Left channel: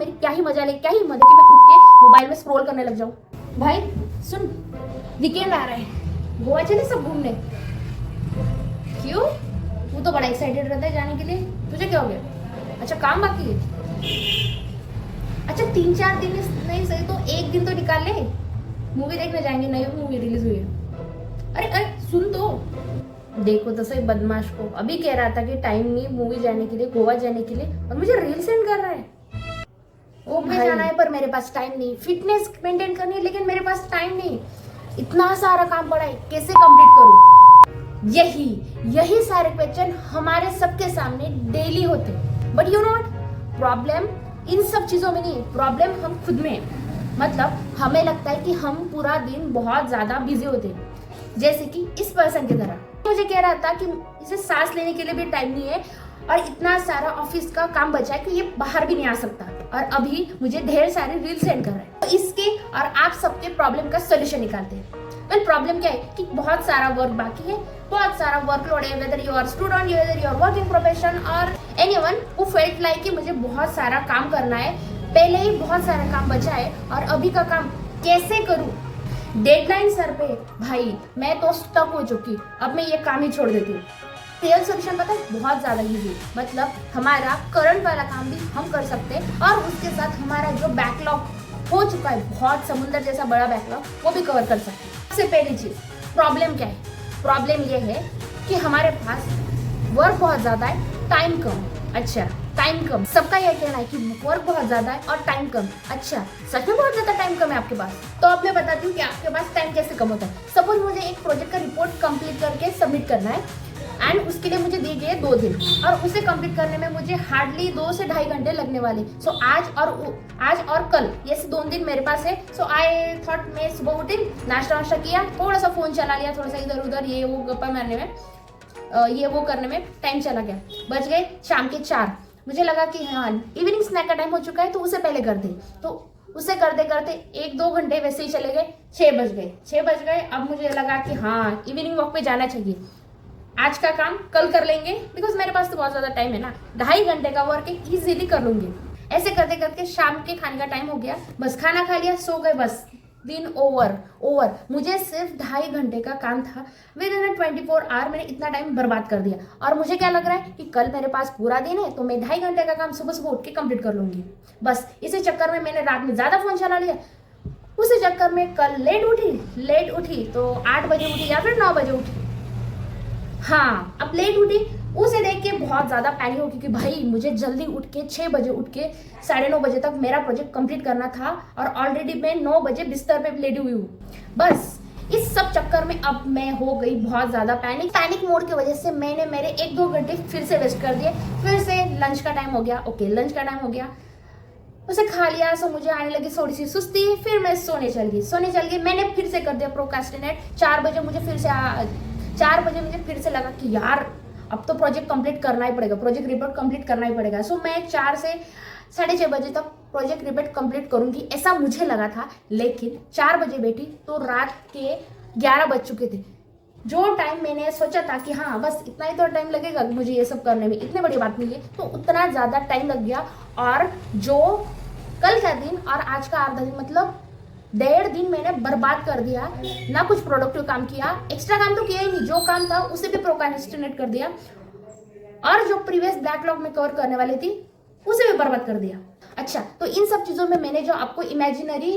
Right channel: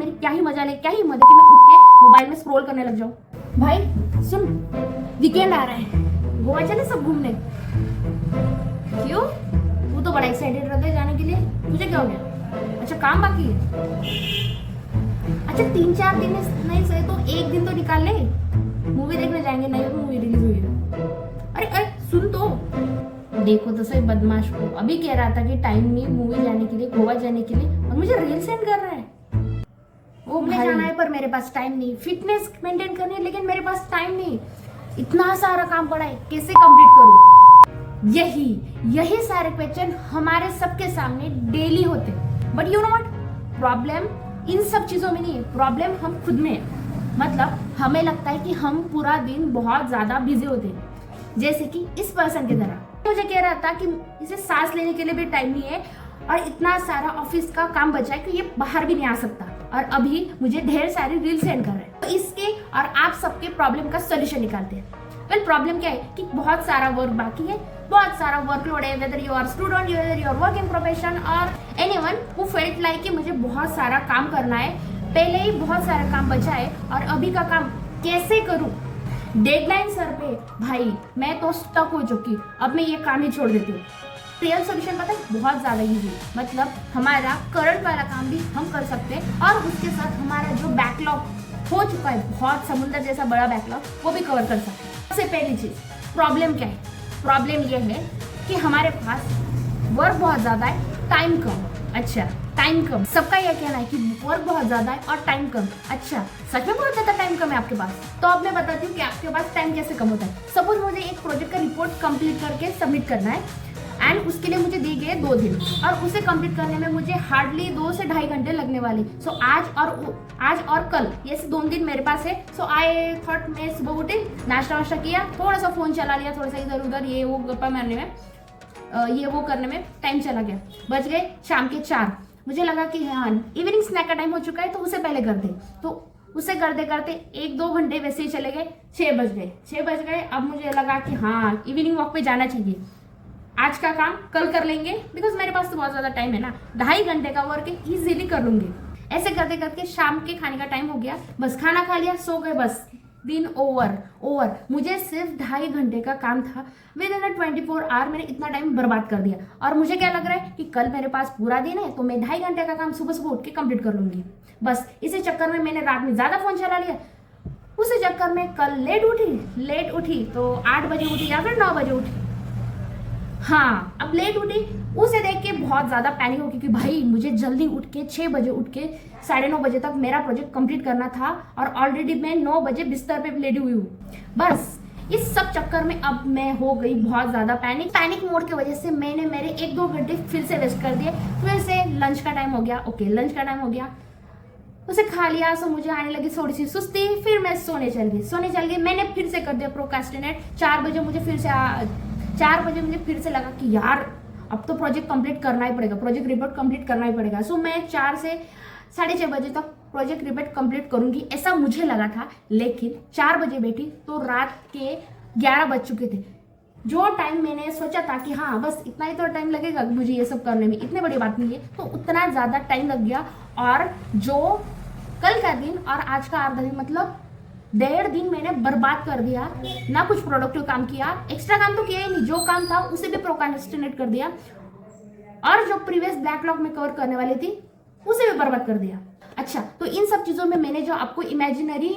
मेरी क्या ही मजा ले, क्या ही मजा कि मैं उठ के मोबाइल में स्क्रॉल करने लग जाऊं। भाई सुन, वीकेंड आ रहा है, गोवा चले सब घूमने। क्यों? तू तो बड़ा एक्साइटेड रहता है जाने के लिए, तुझे क्या हो गया? अच्छा काम बाकी है? अच्छा 3-4 दिन नहीं सही तो एक दिन तो निकाल ले, मूवी देखने जाएंगे, नई मूवी रिलीज हुई है। अरे अरे सुन तो, देखो तो सही बदमाश को, अभी कह रहा था कि टाइम नहीं मूवी जाने के लिए, गोवा जाने के लिए, और मुझे रील सेंड कर रहा है। ओ भाई जाना है पर मेरे पास टाइम नहीं, फिटनेस मेंटेन करनी है लेकिन मेरे पास टाइम नहीं, इतना सारा काम पड़ा है, कैसे कंप्लीट करूं? यही सारे क्वेश्चन हमारे सबके सामने डेली होते हैं। But you know what, problem in सब चीजों में नहीं है, प्रॉब्लम हम खुद में है। मतलब हमें लगता है कि हम पूरा दिन बहुत ज्यादा बिजी होते हैं, जैसे कि इस पर्सन की तरह मुझे कह रहा था कि इसे सांस लेने के लिए भी टाइम नहीं है और इतना सारा ऑफिस का काम बचा है कि ये बाहर भी नहीं आ सकता, और अभी मुझे ढेर सारी रील सेंड कर रहे हैं। तो इसके और आप सबके प्रॉब्लम का सोल्यूशन निकालते हैं। वेल प्रॉब्लम क्या है कि बहुत सारा वर्क बाकी है, बहुत सारा वर्कलोड है, whether you are student, whether you are working profession और एनीवन हु फेल्ट लाइक कि मुझे बहुत सारा काम करना है, पहले ही बहुत सारा काम बचा है और अभी का काम कैसे करूं? डेडलाइन सर पे, भाई मैं तो स्टक हो चुकी, अब मैं ये काम ही छोड़ देती हूँ। रियल सोल्यूशन पता है, बहुत ज्यादा इजी है। मतलब हमारा करंट वाला काम भी हम कर सकते हैं और उसके साथ हमारा जो बैकलॉग हो चुका है, बहुत समुद्र जैसा बड़ा बैकलॉग, वो भी कवर कर सकते हैं। सबसे पहली चीज, प्रॉब्लम क्या है? प्रॉब्लम ये है कि हमारे पास वर्क बहुत ज्यादा है, टाइम कम। अच्छा टाइम कम, सबका यह कहना है कि वर्क बहुत ज्यादा है और टाइम कम। अच्छा सच में बहुत ज्यादा टाइम कम है आपके पास? तो अब मैं बताती हूँ कि आपके पास टाइम कैसे कम होता है। सपोज मुझे एक प्रोजेक्ट का रिपोर्ट कंप्लीट करके सबमिट करना है एंड उसके लिए मुझे दिए गए 2 दिन और उसे कंप्लीट करने में मुझे हार्डली 2 से 2.5 घंटे लगने वाले। सो आज और कल ये 2 दिन मेरे पास है। सो आई थॉट, मैं सुबह उठी, नाश्ता वाश्ता किया, थोड़ा सा फोन चला लिया, थोड़ा सा इधर उधर ये वो गप्पा मारने में, ये वो करने में टाइम चला गया। बज गए शाम के 4। मुझे लगा कि हाँ इवनिंग स्नैक का टाइम हो चुका है तो उसे पहले कर दे। तो उसे करते करते 1-2 घंटे वैसे ही चले गए, 6 बज गए। अब मुझे लगा कि हाँ इवनिंग वॉक पे जाना चाहिए, आज का काम कल कर लेंगे, बिकॉज मेरे पास तो बहुत ज्यादा टाइम है ना, 2.5 घंटे का वर्क इजीली कर लूंगी। ऐसे करते करते शाम के खाने का टाइम हो गया, बस खाना खा लिया, सो गए, बस दिन ओवर। मुझे सिर्फ 2.5 घंटे का काम था, विद इन 24 आवर मैंने इतना टाइम बर्बाद कर दिया। और मुझे क्या लग रहा है कि कल मेरे पास पूरा दिन है तो मैं 2.5 घंटे का काम सुबह सुबह उठ के कंप्लीट कर लूंगी। बस इसी चक्कर में मैंने रात में ज्यादा फोन चला लिया, उसी चक्कर में कल लेट उठी तो 8 बजे उठी या फिर 9 बजे उठी। हाँ अब लेट उठी, उसे देख के बहुत ज्यादा पैनिक हो क्योंकि भाई मुझे जल्दी उठ के 6 बजे उठ के 9:30 बजे तक मेरा प्रोजेक्ट कंप्लीट करना था और ऑलरेडी मैं 9 बजे बिस्तर पे लेटी हुई हूँ। बस इस सब चक्कर में अब मैं हो गई बहुत ज्यादा पैनिक मोड की वजह से मैंने मेरे 1-2 घंटे फिर से वेस्ट कर दिए। फिर से लंच का टाइम हो गया, लंच का टाइम हो गया, उसे खा लिया। सो मुझे आने लगी थोड़ी सी सुस्ती, फिर मैं सोने चल गई। मैंने फिर से कर दिया प्रोक्रेस्टिनेट। 4 बजे मुझे फिर से लगा कि यार अब तो प्रोजेक्ट कंप्लीट करना ही पड़ेगा, प्रोजेक्ट रिपोर्ट कंप्लीट करना ही पड़ेगा। सो मैं 4 से 6:30 बजे तक प्रोजेक्ट रिपोर्ट कंप्लीट करूंगी, ऐसा मुझे लगा था। लेकिन 4 बजे बैठी तो रात के 11 बज चुके थे। जो टाइम मैंने सोचा था कि हाँ बस इतना ही तो टाइम लगेगा मुझे ये सब करने में, इतनी बड़ी बात नहीं है, तो उतना ज्यादा टाइम लग गया। और जो कल का दिन और आज का आधा दिन, मतलब 1.5 दिन मैंने बर्बाद कर दिया। ना कुछ प्रोडक्टिव काम किया, एक्स्ट्रा काम तो किया ही नहीं, जो काम था उसे भी प्रोक्रेस्टिनेट कर दिया और जो प्रीवियस बैकलॉग में कवर करने वाली थी उसे भी बर्बाद कर दिया। अच्छा तो इन सब चीजों में मैंने जो आपको इमेजिनरी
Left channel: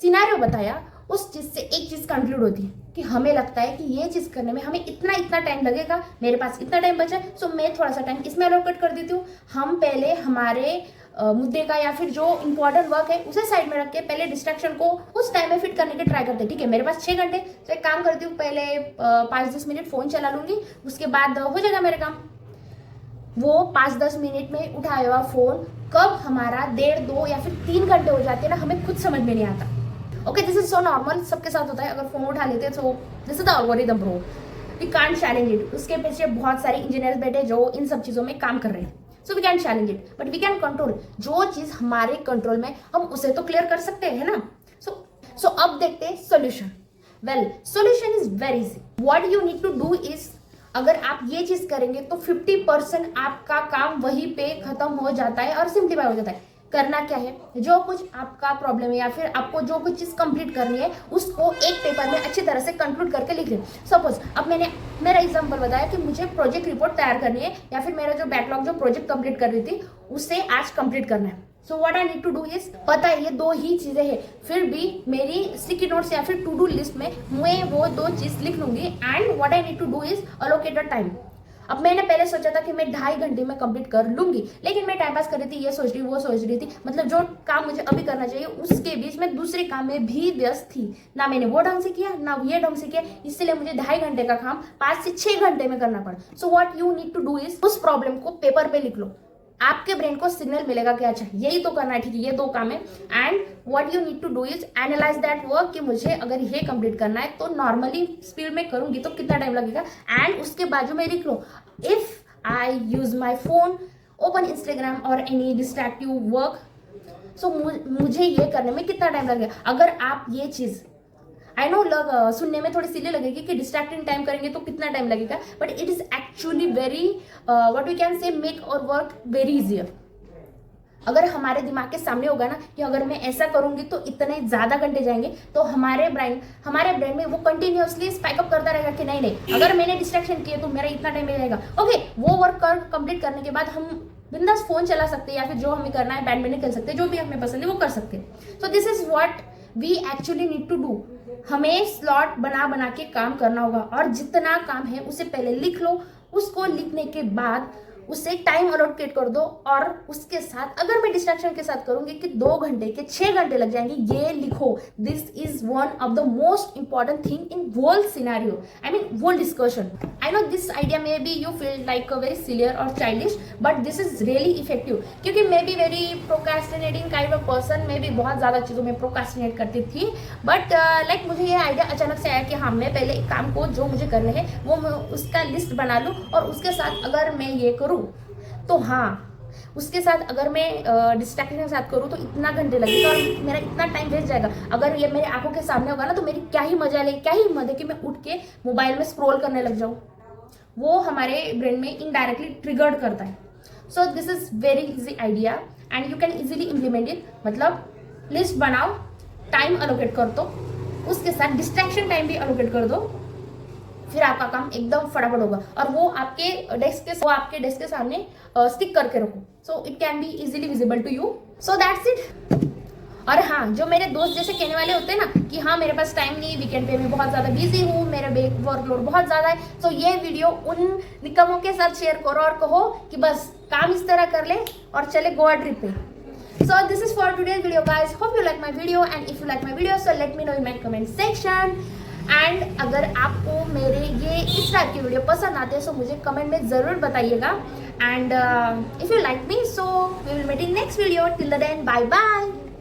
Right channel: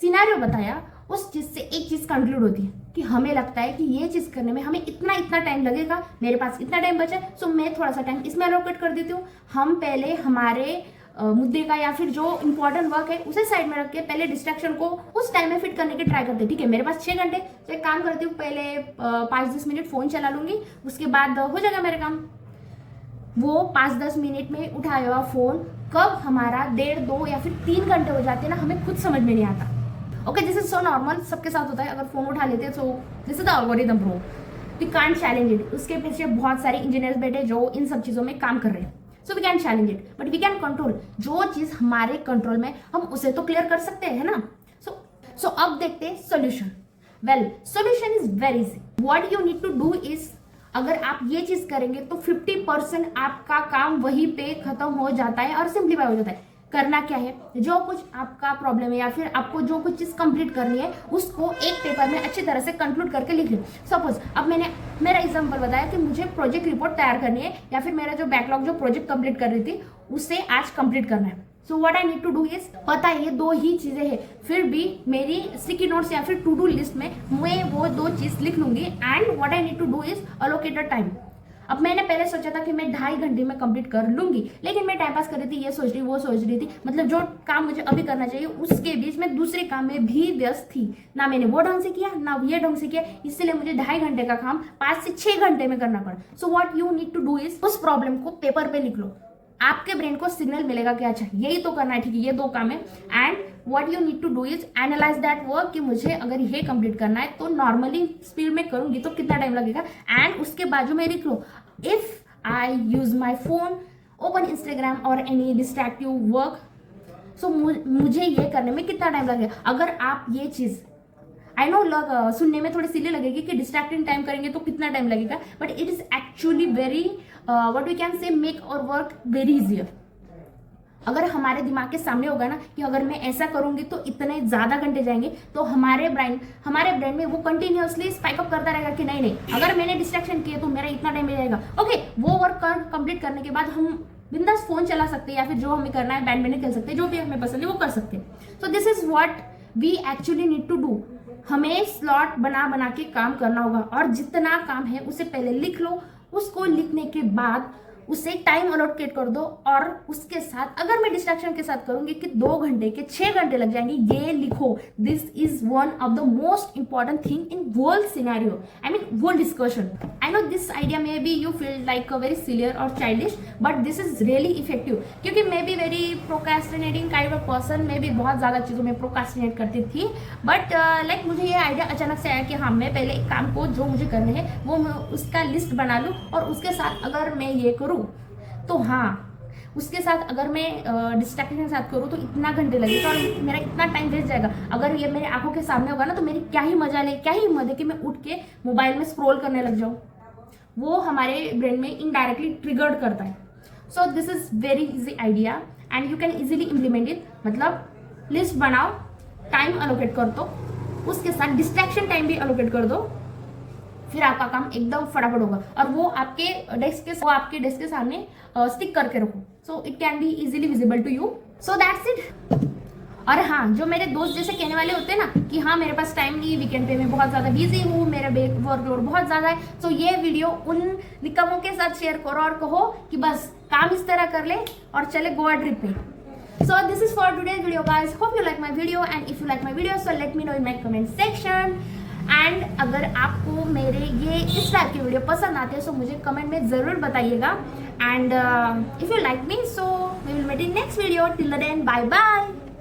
सिनेरियो बताया, उस चीज से एक चीज कंक्लूड होती है कि हमें लगता है कि ये चीज करने में हमें इतना टाइम लगेगा, मेरे पास इतना टाइम बचा है, सो मैं थोड़ा सा टाइम इसमें अलोकेट कर देती हूँ। हम पहले हमारे मुद्दे का या फिर जो इंपॉर्टेंट वर्क है उसे साइड में रख के पहले डिस्ट्रैक्शन को उस टाइम में फिट करने के ट्राई करते हैं। ठीक है मेरे पास 6 घंटे, तो एक काम करती हूँ, पहले 5-10 मिनट फोन चला लूंगी, उसके बाद हो जाएगा मेरा काम। वो 5-10 मिनट में उठाया हुआ फोन कब हमारा 1.5, 2 या फिर 3 घंटे हो जाते हैं ना, हमें खुद समझ में नहीं आता। Okay this is so normal, सबके साथ होता है। अगर फोन उठा लेते हैं तो this is the algorithm bro, we can't challenge it. उसके पीछे बहुत सारे इंजीनियर्स बैठे जो इन सब चीजों में काम कर रहे हैं। So we can challenge it but we can control. जो चीज हमारे कंट्रोल में, हम उसे तो क्लियर कर सकते हैं ना। सो अब देखते हैं solution. Well solution is very easy. What you need to do is, अगर आप ये चीज करेंगे तो 50% आपका काम वहीं पे खत्म हो जाता है और सिंप्लीफाई हो जाता है। करना क्या है, जो कुछ आपका प्रॉब्लम है या फिर आपको जो कुछ चीज़ कंप्लीट करनी है उसको एक पेपर में अच्छी तरह से कंक्लूड करके लिख लें। सपोज अब मैंने मेरा एग्जांपल बताया कि मुझे प्रोजेक्ट रिपोर्ट तैयार करनी है या फिर मेरा जो बैकलॉग जो प्रोजेक्ट कंप्लीट कर रही थी उसे आज कंप्लीट करना है। So what I need to do is, पता है ये 2 ही चीजें हैं, फिर भी मेरी स्टिकी नोट्स या फिर टू डू लिस्ट में मैं वो 2 चीज लिख लूंगी। And what I need to do is allocated time. अब मैंने पहले सोचा था कि मैं 2.5 घंटे में कंप्लीट कर लूंगी, लेकिन मैं टाइम पास कर रही थी, ये सोच रही वो सोच रही थी, मतलब जो काम मुझे अभी करना चाहिए उसके बीच में दूसरे काम में भी व्यस्त थी। ना मैंने वो ढंग से किया ना ये ढंग से किया, इसलिए मुझे 2.5 घंटे का काम 5 से 6 घंटे में करना पड़ा। So what you need to do is, उस प्रॉब्लम को पेपर पे लिख लो। आपके ब्रेन को सिग्नल मिलेगा कि अच्छा यही तो करना है, ठीक है ये 2 काम है। And what you need to do is analyse that work कि मुझे अगर ये कंप्लीट करना है तो नॉर्मली स्पीड में करूंगी तो कितना टाइम लगेगा। एंड उसके बाजू में लिख लो, if I use my phone, open Instagram or any distractive work, so मुझे ये करने में कितना टाइम लगेगा। अगर आप ये चीज़ आई नो सुनने में थोड़ी सिली लगेगी कि डिस्ट्रैक्टिंग टाइम करेंगे तो कितना टाइम लगेगा, but it is actually very what we can say make और वर्क वेरी इजियर। अगर हमारे दिमाग के सामने होगा ना कि अगर मैं ऐसा करूंगी तो इतने ज़्यादा घंटे जाएंगे, तो हमारे ब्रेन में वो कंटिन्यूअसली स्पाइक अप करता रहेगा कि नहीं नहीं अगर मैंने डिस्ट्रैक्शन किए तो मेरा इतना टाइम लगेगा। ओके, वो वर्क कंप्लीट करने के बाद हम बिंदास फोन चला सकते हैं या फिर जो हमें करना है बैडमिंटन खेल सकते हैं, जो भी हमें पसंद है वो कर सकते हैं। So this is what we actually need to do. हमें स्लॉट बना के काम करना होगा और जितना काम है उसे पहले लिख लो, उसको लिखने के बाद उसे टाइम अलोकेट कर दो। और उसके साथ अगर मैं डिस्ट्रैक्शन के साथ करूंगी कि 2 घंटे के 6 घंटे लग जाएंगे, ये लिखो। This is one of the most important thing in whole scenario, I mean whole discussion. I know this idea maybe you feel like a very sillier और childish, but this is really effective, क्योंकि मैं भी very procrastinating kind of person, मैं भी बहुत ज्यादा चीजों में प्रोकास्टिनेट करती थी। बट लाइक मुझे ये आइडिया अचानक से आया कि हाँ मैं पहले एक काम को जो मुझे करने हैं वो मैं उसका लिस्ट बना लूँ, और उसके साथ अगर मैं ये करूँ तो हाँ उसके साथ अगर मैं डिस्ट्रैक्शन के साथ करूँ तो इतना घंटे लगेगा और मेरा इतना टाइम वेस्ट जाएगा। अगर ये मेरे आंखों के सामने होगा ना तो मेरी क्या ही मजा ले, क्या ही हिम्मत है कि मैं उठ के मोबाइल में स्क्रॉल करने लग जाऊँ। वो हमारे ब्रेन में इनडायरेक्टली ट्रिगर्ड करता है। सो this is very easy idea and you can easily implement it. मतलब लिस्ट बनाओ, टाइम अलोकेट कर दो, उसके साथ डिस्ट्रैक्शन टाइम भी अलोकेट कर दो, फिर आपका काम एकदम फटाफट होगा। और वो आपके डेस्क के सामने स्टिक करके रखो, so it can be easily visible to you. So that's it. और हाँ, जो मेरे दोस्त जैसे कहने वाले होते हैं ना कि हाँ मेरे पास टाइम नहीं, वीकेंड पे भी बहुत ज़्यादा बिजी हूँ, मेरा वर्कलोड बहुत ज़्यादा है, सो ये वीडियो उन निकमों के साथ शेयर करो और कहो कि बस काम इस तरह कर ले और चले गोवा ट्रिप पे। So this is for today's video guys. Hope you like my video, and if you like my video so let me know in my comment section. And अगर आपको मेरे ये इस टाइप की वीडियो पसंद आते हैं तो मुझे कमेंट में ज़रूर बताइएगा। And if you like me so we will meet in next video. Till then, bye bye.